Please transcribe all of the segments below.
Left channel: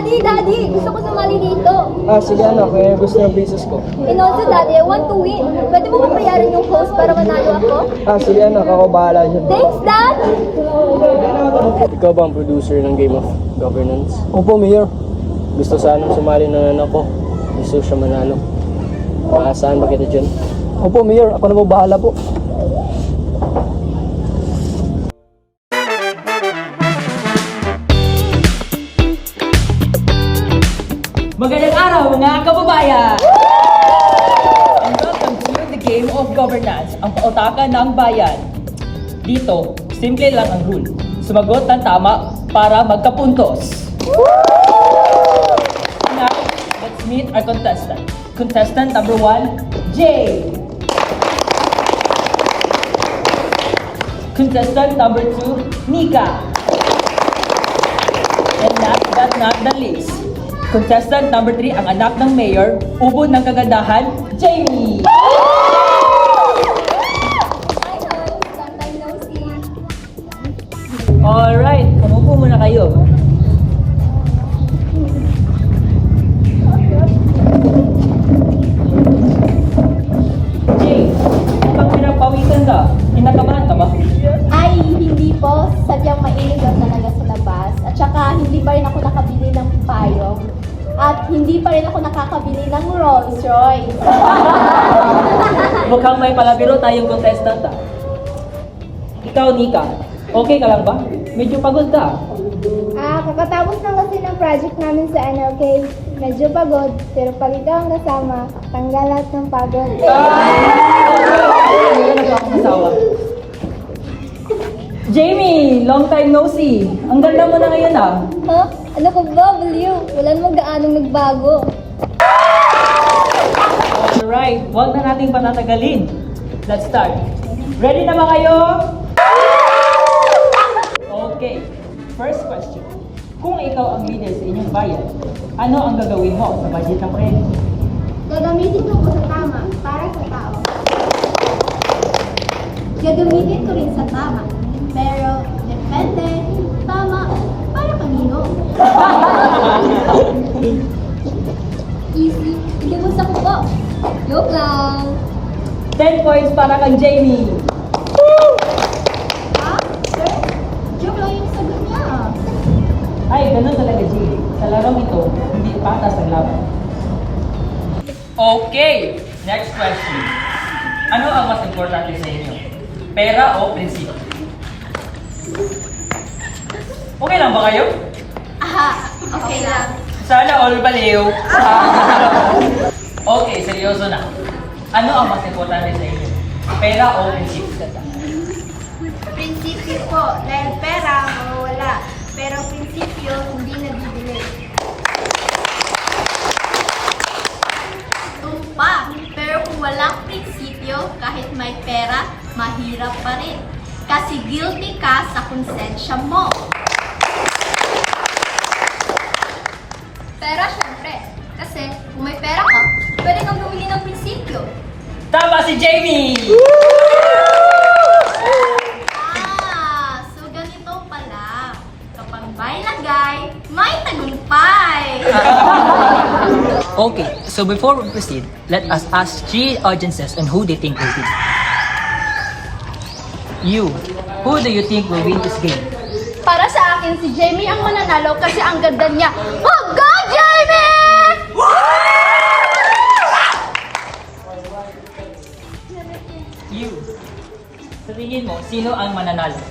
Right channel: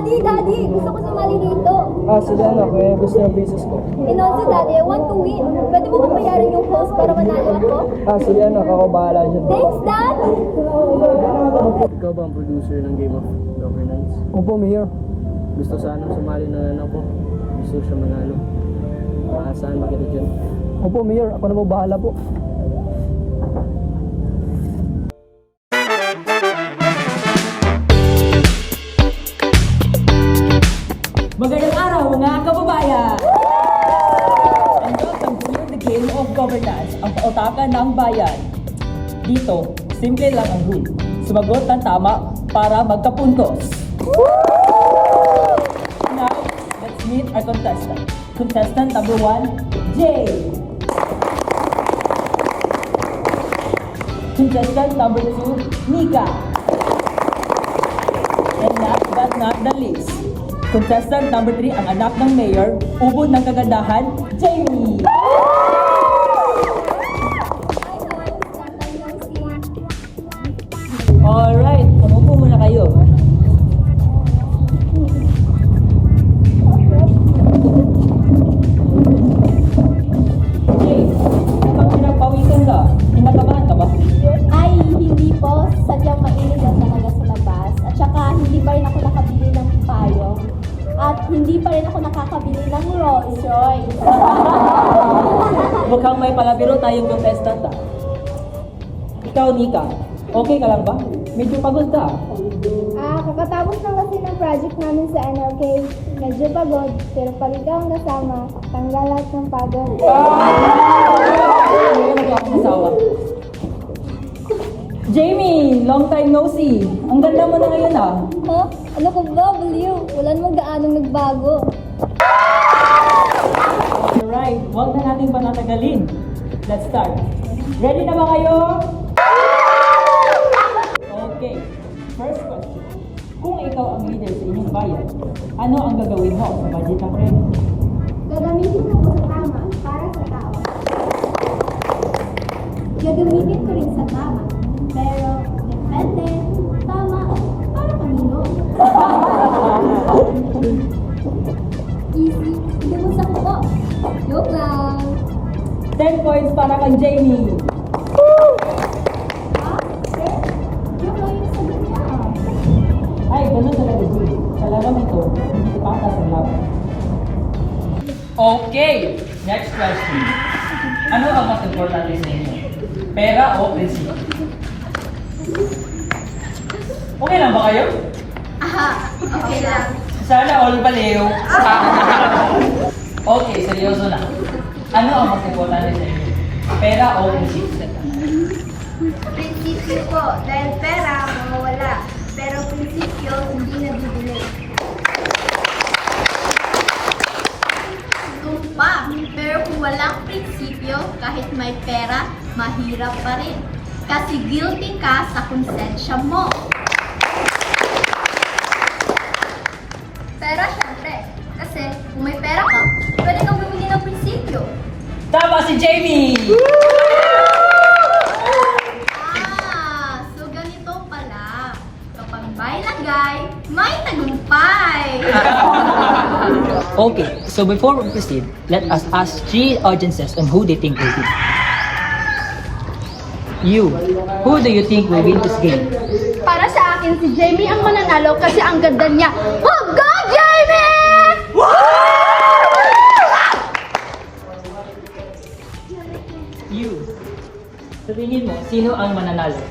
Daddy! Gusto ko sumali dito. Sige anak, gusto ng business ko. And also, Daddy, I want to win. Pwede mo ba bayaran yung host para manalo ako? Sige anak, ako bahala dyan. Thanks, Dad! Ikaw ba ang producer ng Game of Governance? Opo, Mayor. Gusto sanang sumali ng anak ko. Gusto siya manalo. Saan ba kita dyan? Opo, Mayor. Ako na po bahala po. Magandang araw mga kababayan! And welcome to the Game of Governance, ang pautakan ng bayan. Dito, simple lang ang rule. Sumagot ng tama para magkapuntos. Now, let's meet our contestant. Contestant number 1, Jay. Contestant number 2, Nika. And last but not the least, contestant number 3, ang anak ng mayor, ubod ng kagandahan, Jamie! Hi, Hon. Long time no see. Alright, umupo muna kayo. Jay, pag pinapawisan ka, kinakabahan ka ba? Ay, hindi po. Sadyang mainit lang talaga sa labas. At saka, hindi pa rin ako nakabili ng payong. At hindi pa rin ako nakakabili ng Rolls Royce. Mukhang may palabiro tayong contestant ah. Ikaw, Nika, okay ka lang ba? Medyo pagod ka. Kakatapos lang kasi ng project namin sa NLK. Medyo pagod, pero pag ikaw ang kasama, tanggal lahat ng pagod. Hindi ka nagkakasawa. Jamie, long time no see. Ang ganda mo na ngayon ah. Ha? Ano ko ba, Baliw? Wala namang gaanong nagbago. Alright, huwag na nating patatagalin. Let's start. Ready na ba kayo? Okay, first question. Kung ikaw ang leader sa inyong bayan, ano ang gagawin mo sa budget ng credit? Gagamitin ko sa tama para sa tao. Gagamitin ko rin sa tama. Pero, depende, tama, para kanino. Easy, hindi mo sa kuko. Joke lang. 10 points para kang Jamie. Ha? Sir? Joke lang yung sagot niya. Ay, ganun talaga, Jamie. Sa larong ito, hindi patas ang laban. Okay, next question. Ano ang mas importante sa inyo? Pera o prinsipyo? Okay lang ba kayo? Aha, okay lang. Sana all baliw. Okay, seryoso na. Ano ang mas importante sa inyo? Pera o prinsipyo? Prinsipyo po, dahil pera, mawawala. Pero prinsipyo, hindi nabibili. Tumpa, pero kung walang prinsipyo, kahit may pera, mahirap pa rin. Kasi guilty ka sa konsensya mo. Pera, syempre. Kasi kung may pera ka, pwede kang bumili ng prinsipyo. Tama si Jamie! So ganito pala. Kapag may lagay, may tagumpay. Okay, so before we proceed, let us ask 3 audiences on who they think will win. You, who do you think will win this game? Para sa akin, si Jamie ang mananalo kasi ang ganda niya. Oh, go, Jamie! You, sa tingin mo, sino ang mananalo?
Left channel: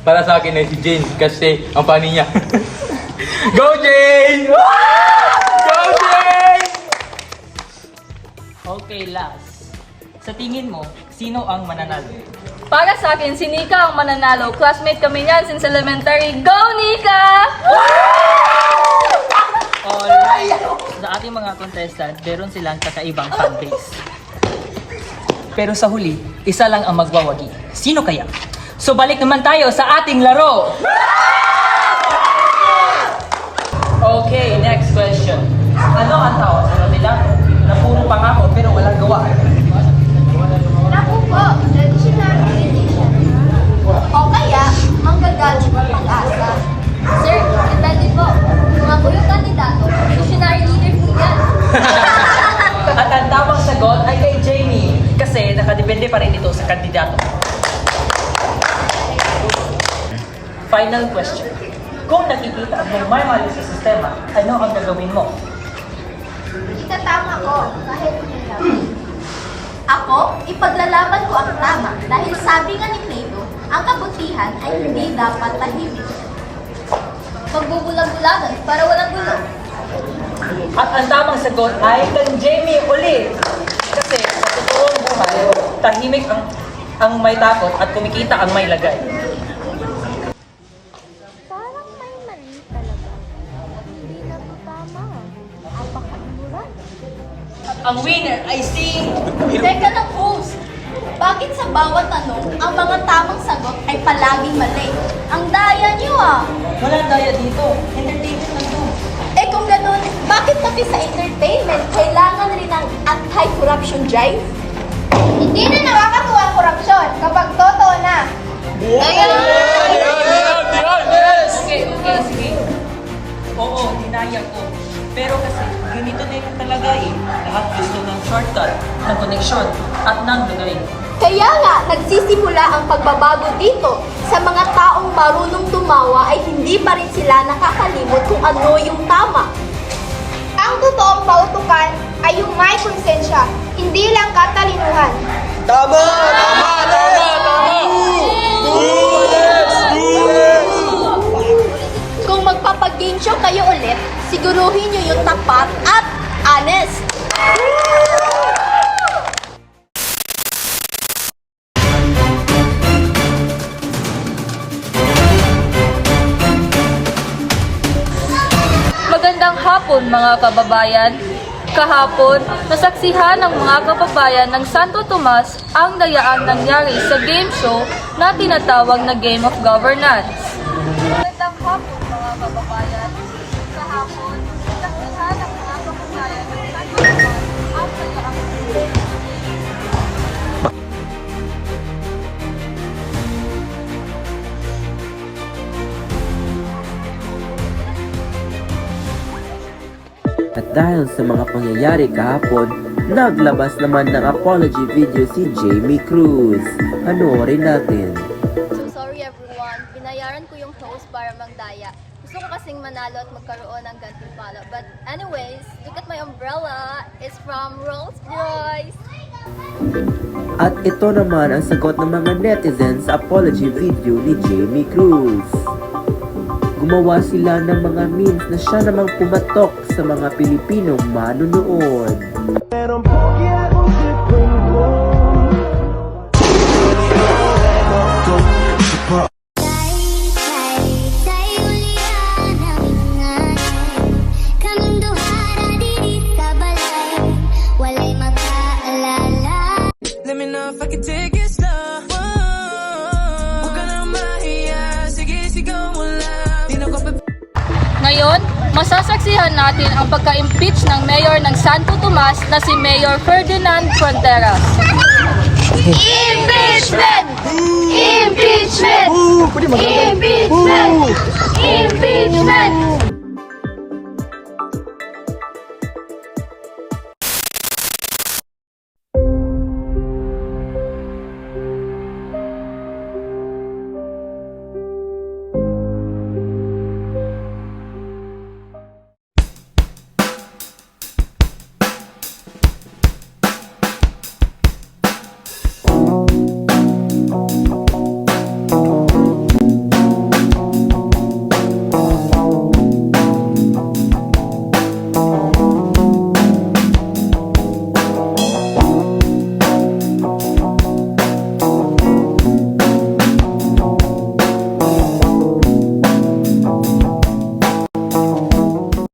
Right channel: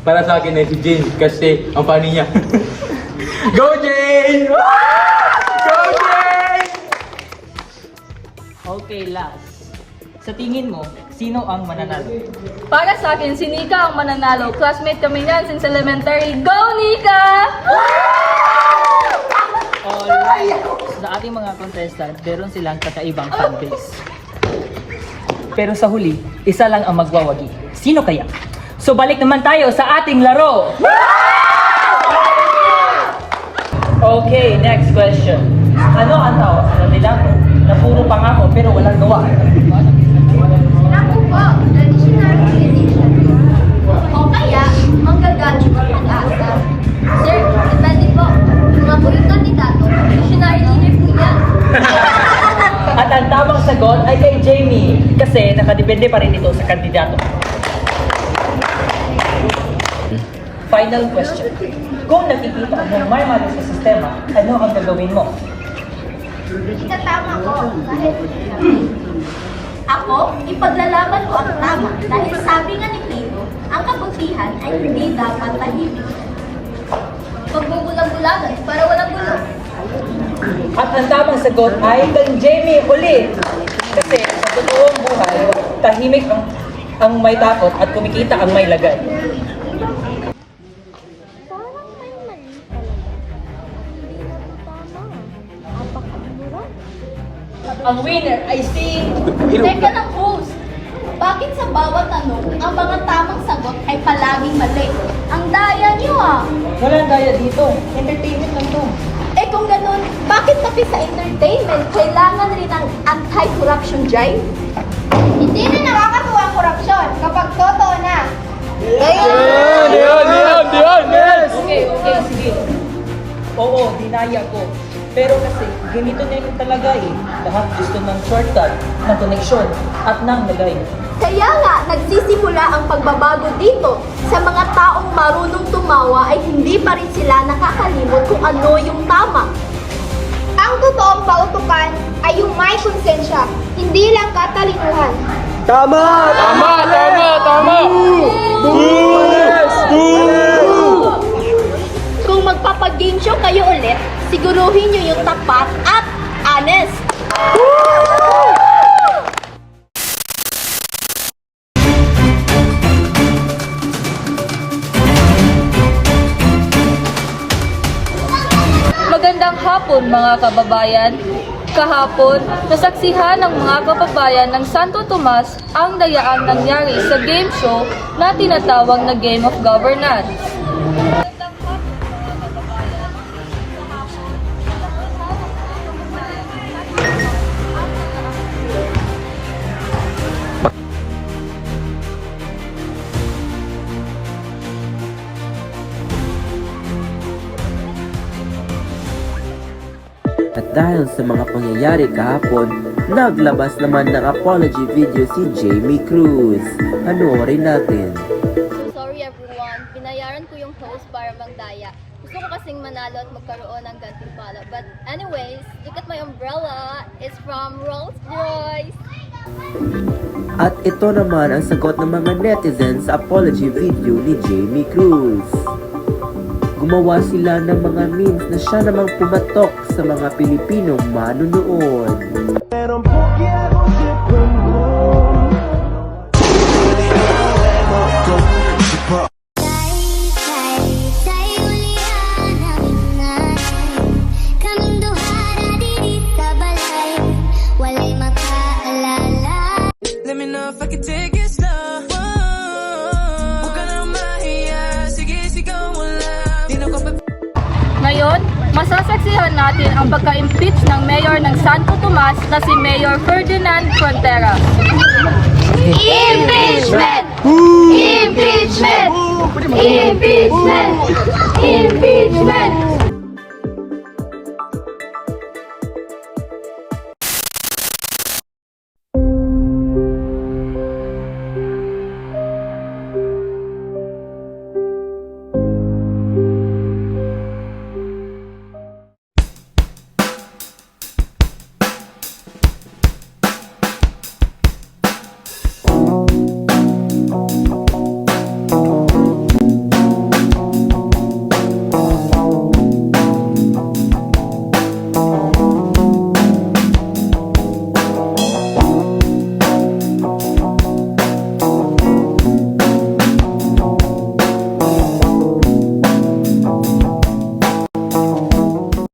Para sa akin ay si Jane kasi ang pani niya. Go Jane! Go Jane! Okay, last. Sa tingin mo, sino ang mananalo? Para sa akin, si Nika ang mananalo. Classmate kami niyan since elementary. Go, Nika! Alright. Sa ating mga contestant, meron silang kakaibang fanbase. Pero sa huli, isa lang ang magwawagi. Sino kaya? So balik naman tayo sa ating laro! Okay, next question. Ano ang tawag sa kandidato na puro pangako pero walang gawa? Ako po, traditional edition. O kaya, manggagacho ng pag-asa. Sir, depende po. Kung ako yung kandidato, sagot ay kay Jamie kasi nakadepende pa rin ito sa kandidato. Final question. Kung nakikita ang may mali sa sistema, ano ang gagawin mo? Itatama ko dahil ako, ipaglalaban ko ang tama dahil sabi nga ni Plato, ang kabutihan ay hindi dapat tahimik. Pagbubulag-bulagan para walang gulo. At ang tamang sagot ay kay Jamie ulit. Kasi sa totoong buhay, tahimik ang may takot at kumikita ang may lagay. Parang may mali talaga. Hindi na to tama. Apakadmura. Ang winner ay si... Teka lang, host. Bakit sa bawat tanong, ang mga tamang sagot ay palaging mali? Ang daya niyo ah! Walang daya dito. Entertainment lang to. Eh kung ganun, bakit pati sa entertainment kailangan rin ng anti-corruption drive? Hindi na nakakatuwa ang korupsyon kapag totoo na. Okay, sige. Oo, dinaya ko. Pero kasi, ganito na yun talaga eh. Lahat gusto ng shortcut, ng connection, at ng lagay. Kaya nga, nagsisimula ang pagbabago dito. Sa mga taong marunong tumawa ay hindi pa rin sila nakakalimot kung ano yung tama. Ang totoong pautukan ay yung may konsensya, hindi lang katalinuhan. Kung magpapag-game show kayo ulit, siguruhin nyo yung tapat at honest. Magandang hapon mga kababayan. Kahapon, nasaksihan ng mga kababayan ng Santo Tomas ang dayaang nangyari sa game show na tinatawag na Game of Governance. Magandang hapon mga kababayan. Kahapon, nasaksihan ng mga kababayan ng Santo Tomas ang dayaang At dahil sa mga pangyayari kahapon, naglabas naman ng apology video si Jamie Cruz. Panoorin natin. Sorry everyone, binayaran ko yung host para magdaya. Gusto ko kasing manalo at magkaroon ng gantimpala. But anyways, look at my umbrella. It's from Rolls-Royce. At ito naman ang sagot ng mga netizens sa apology video ni Jamie Cruz. Gumawa sila ng mga memes na siya namang pumatok sa mga Pilipinong manunood. Let me know if I can take it slow. Huwag ka na mahiya. Sige, sigaw mo lang. Di na ko Ngayon, masasaksihan natin ang pagka-impeach ng mayor ng Santo Tomas na si Mayor Ferdinand Fronteras. Impeachment! Impeachment! Impeachment! Impeachment!